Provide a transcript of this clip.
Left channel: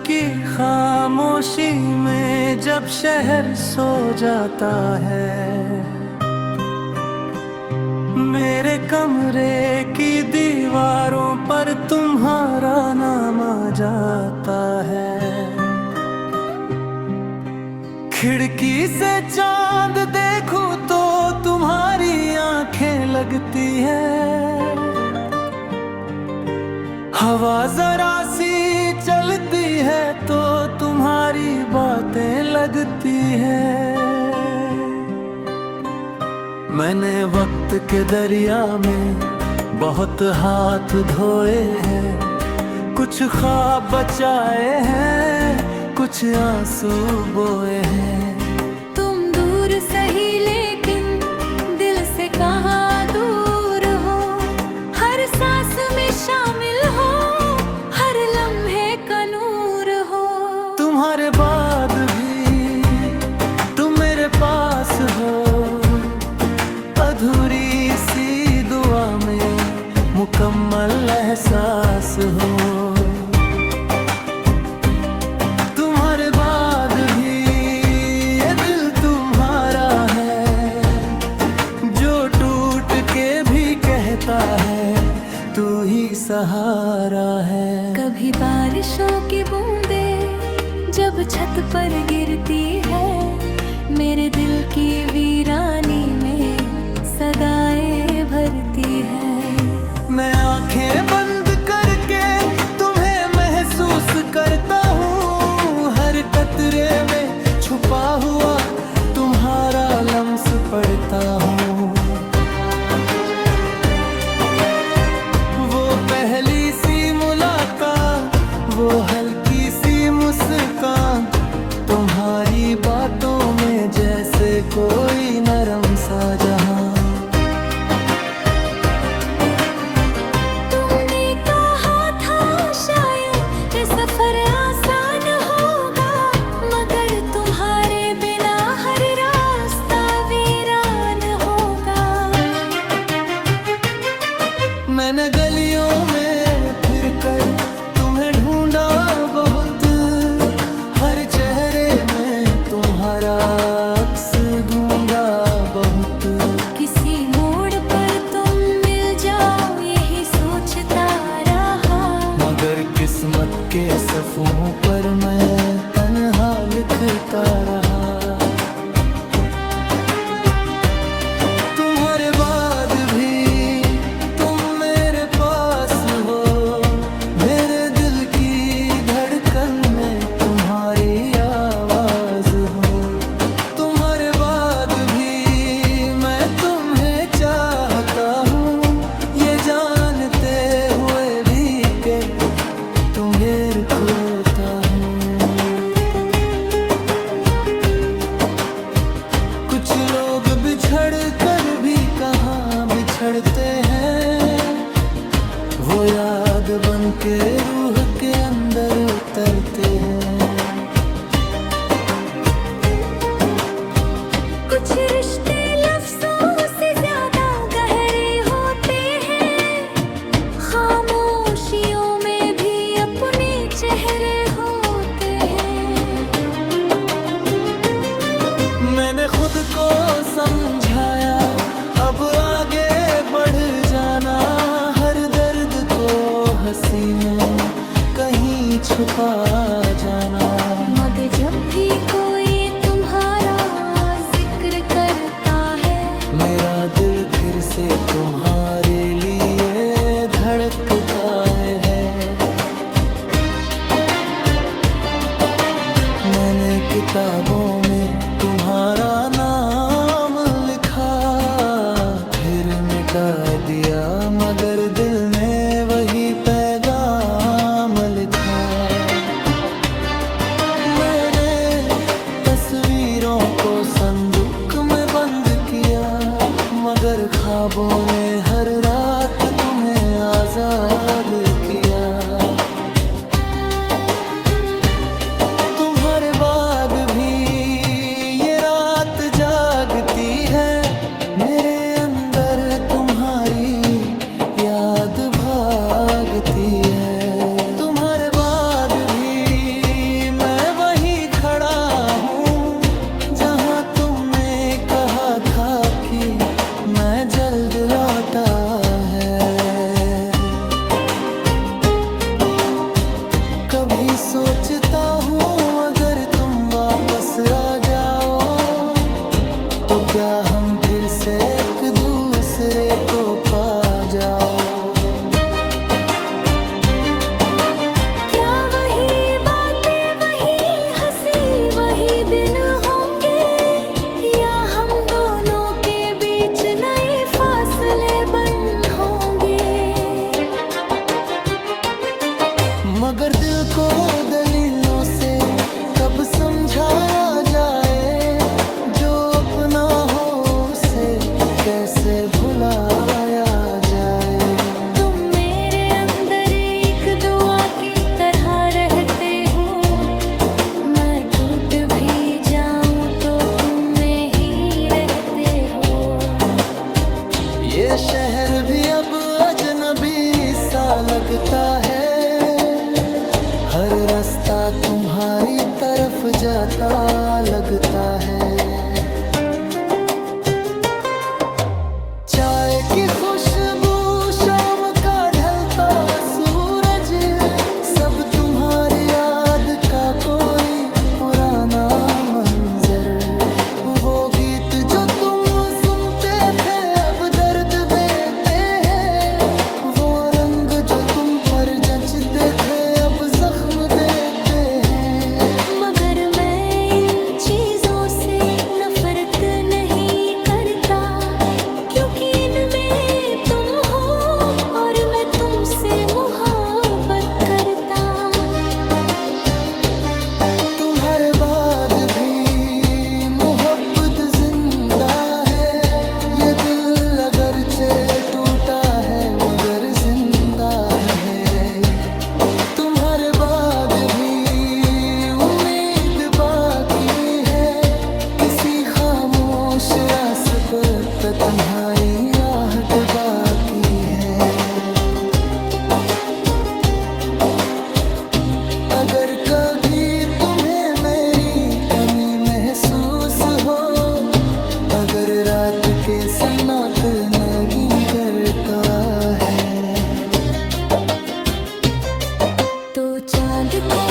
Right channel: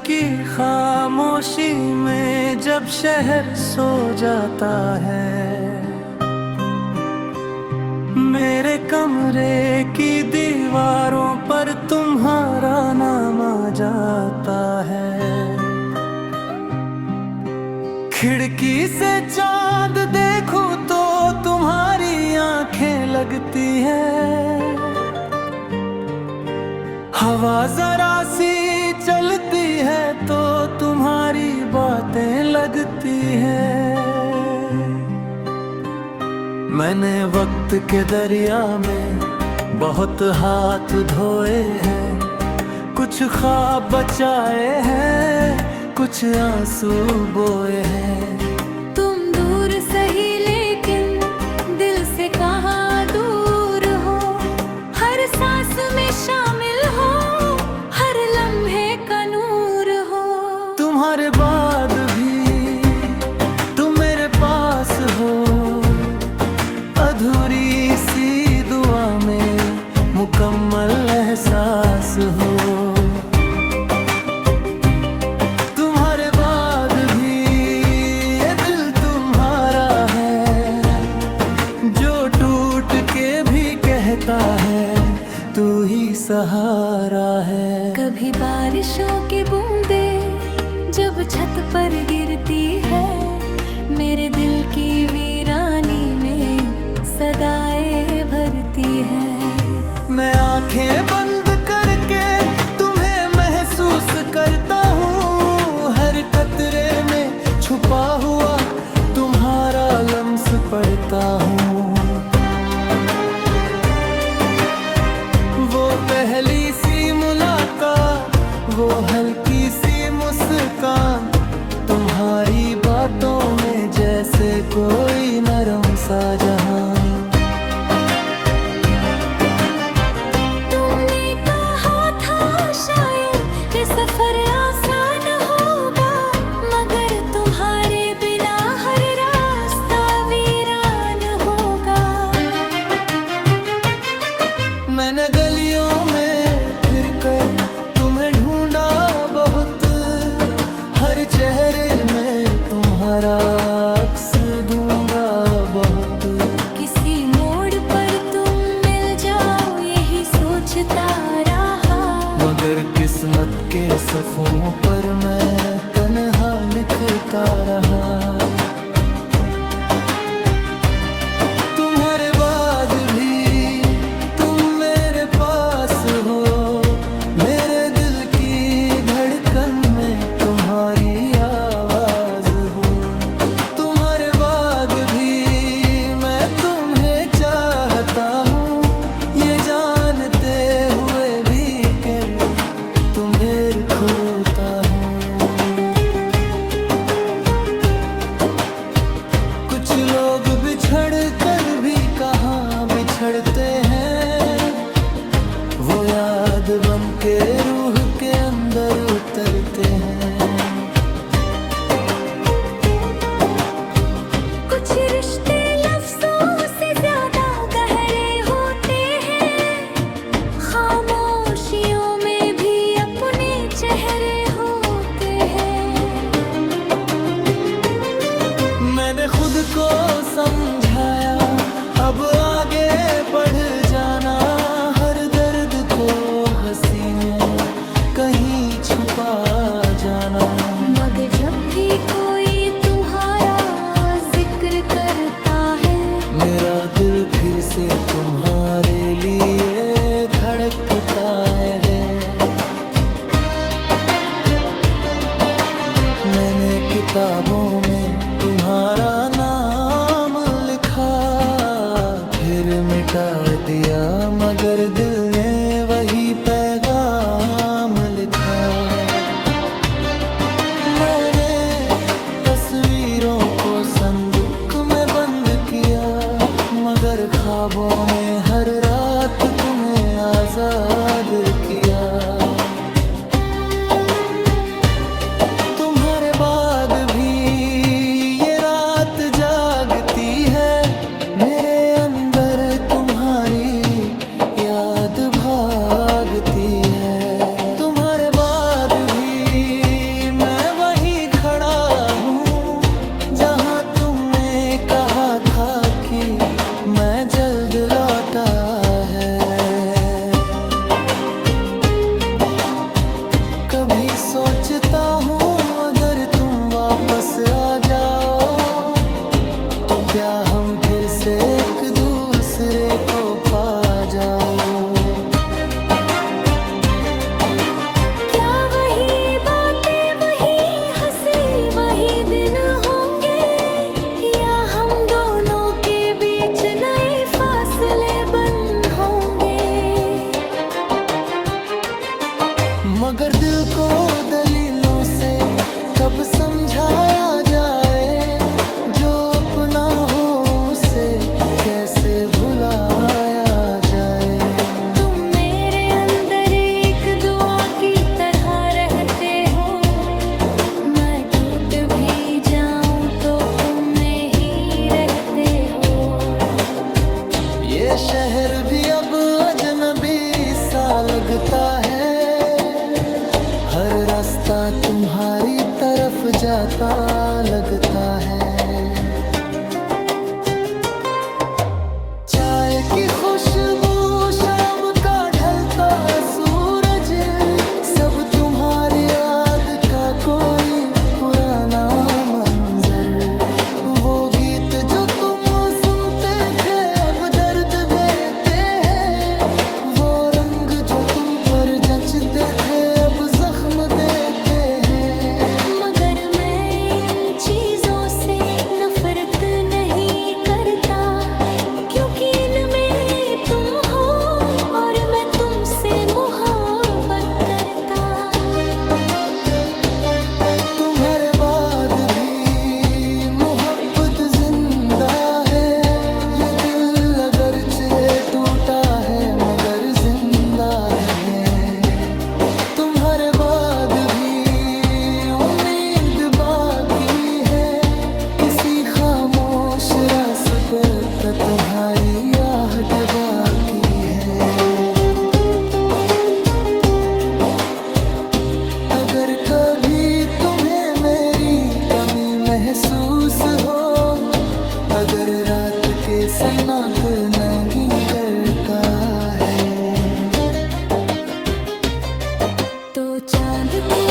की खामोशी में जब शहर सो जाता है, मेरे कमरे की दीवारों पर तुम्हारा नाम आ जाता है। खिड़की से चांद देखूं तो तुम्हारी आंखें लगती है। हवा जरा सी चलती है तो तुम्हारी बातें लगती है। मैंने वक्त के दरिया में बहुत हाथ धोए हैं, कुछ ख्वाब बचाए हैं, कुछ आंसू बोए हैं। तुम दूर सही लेकिन दिल से कहाँ दूर हो, हर सांस में शामिल हो, हर लम्हे का नूर हो। तुम्हारे बाद भी तुम मेरे पास हो, अधूरी सी दुआ में मुकम्मल एहसास हो। तुम्हारे बाद भी ये दिल तुम्हारा है, जो टूट के भी कहता है तू ही सहारा है। कभी बारिशों की बूंदें जब छत पर गिरती है, मेरे दिल की वीरानी में सदाएं भरती है। मैं आंखें बंद करके तुम्हें महसूस करता हूँ, हर कतरे में छुपा हुआ तुम्हारा लम्स पढ़ता हूँ। वो पहली सी मुलाकात, वो हल्की सी मुस्कान, तुम्हारी बातों में जैसे कोई नरम सा जहां। तुमने कहा था शायद ये सफर आसान होगा, मगर तुम्हारे बिना हर रास्ता वीरान होगा। मैंने गलियों में फिर कर तुम्हें ढूंढा बहुत, हर चेहरे में तुम्हारा अक्स ढूंढा बहुत। किसी मोड़ पर तुम मिल जाओ यही सोचता रहा, मगर किस्मत के सफ़ों पर मैं तन्हा लिखता रहा। तुम्हारे बाद भी तुम मेरे पास हो, मेरे दिल की धड़कन में तुम्हारी आवाज हो। तुम्हारे बाद भी मैं तुम्हें चाहता हूँ, ये जानते हुए भी कि तुम्हें खोता हूँ। कुछ लोग बिछड़ कर भी कहाँ बिछड़ते हैं, वो याद बन के रूह के अंदर उतरते हैं। कुछ रिश्ते लफ्जों से ज्यादा गहरे होते हैं, खामोशियों में भी अपने चेहरे होते हैं। मैंने खुद को समझाया, अब आगे बढ़ जाना, हर दर्द को हंसी में कहीं छुपा जाना। मगर जब भी कोई तुम्हारा जिक्र करता है, मेरा दिल फिर से तुम्हारे लिए धड़कता है। मैंने किताबों में तुम्हारा नाम लिखा, फिर मिटा दिया, मगर दिल ने वही पैगाम लिखा। मैंने तस्वीरों को संदूक में बंद किया, मगर ख्वाबों ने हर रात तुम्हें आजाद किया। तुम्हारे बाद भी ये रात जागती है, मेरे अंदर तुम्हारी याद भागती है। तुम्हारे बाद भी मैं जल्द लौटा है। कभी सोचता हूँ अगर तुम वापस आ जाओ तो क्या हम फिर से एक दूसरे को पा जाओ। क्या वही बातें, वही हंसी, वही दिन होंगे, या हम दोनों के बीच नए फासले बन होंगे। मगर दिल को दलीलों से कब समझाया जाए, जो अपना हो उसे कैसे भुलाया जाए। तुम मेरे अंदर एक दुआ की तरह रहते हो, मैं टूट भी जाऊं तो तुम में ही रहते हो। ये शहर भी अब अजनबी सा लगता है, हर रास्ता तुम्हारी तरफ जाता लगता है। चाय की खुशबू, शाम का ढलता सूरज, सब तुम्हारी याद का कोई पुराना मंजर। वो गीत जो तुम सुनते थे अब दर्द देते हैं, वो रंग जो तुम पर जचते थे अब जख्म देते हैं। मगर मैं इन चीजों से नफरत नहीं करता, क्योंकि इनमें तुम हो और मैं तुमसे मोहब्बत करता। तुम्हारे बाद भी मोहब्बत जिंदा है, ये दिल अगरचे टूटा है मगर जिंदा है। तुम्हारे बाद भी उम्मीद बाकी है, किसी खामोश रास्ते पर तुम्हारी आहट बाकी है। अगर कभी तुम्हें मेरी कमी महसूस हो, अगर रात के सन्नाटे नगीन करता है, तो चांद को